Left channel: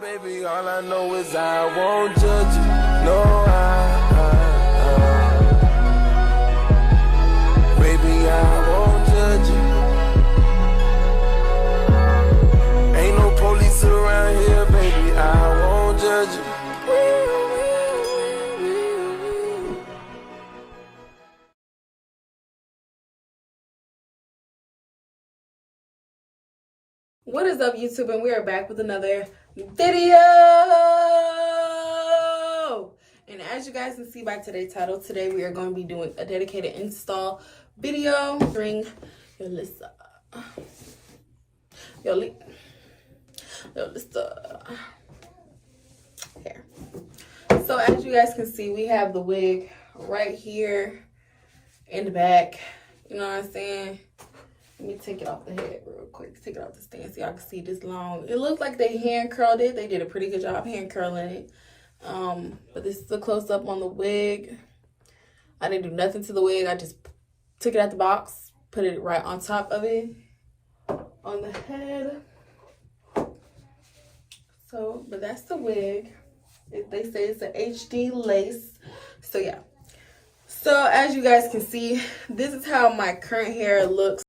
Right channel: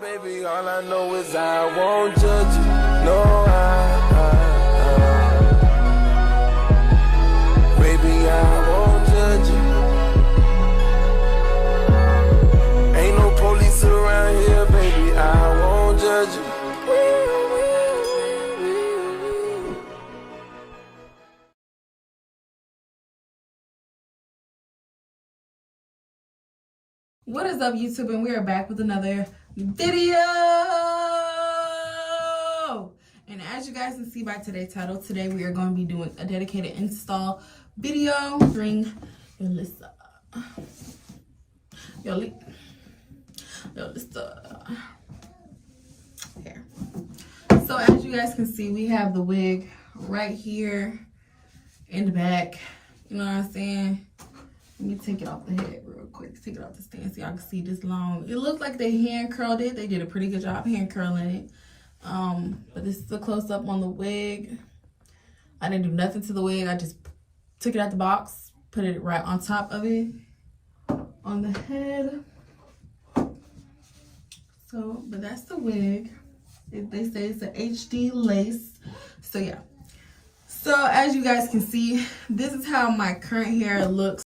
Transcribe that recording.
Baby, all I know is I won't judge you. No, baby, I won't judge you. Ain't no police around here, baby, I won't judge you. What is up, YouTube? And we are back with another video. And as you guys can see by today's title, today we are going to be doing a dedicated install video featuring Yolissa hair. So as you guys can see, we have the wig right here in the back. You know what I'm saying? Let me take it off the head real quick. Take it off the stand so y'all can see this long. It looks like they hand curled it. They did a pretty good job hand curling it. But this is a close up on the wig. I didn't do nothing to the wig. I just took it out the box, put it right on top of it on the head. So, but that's the wig. They say it's an HD lace. So yeah. So as you guys can see, this is how my current hair looks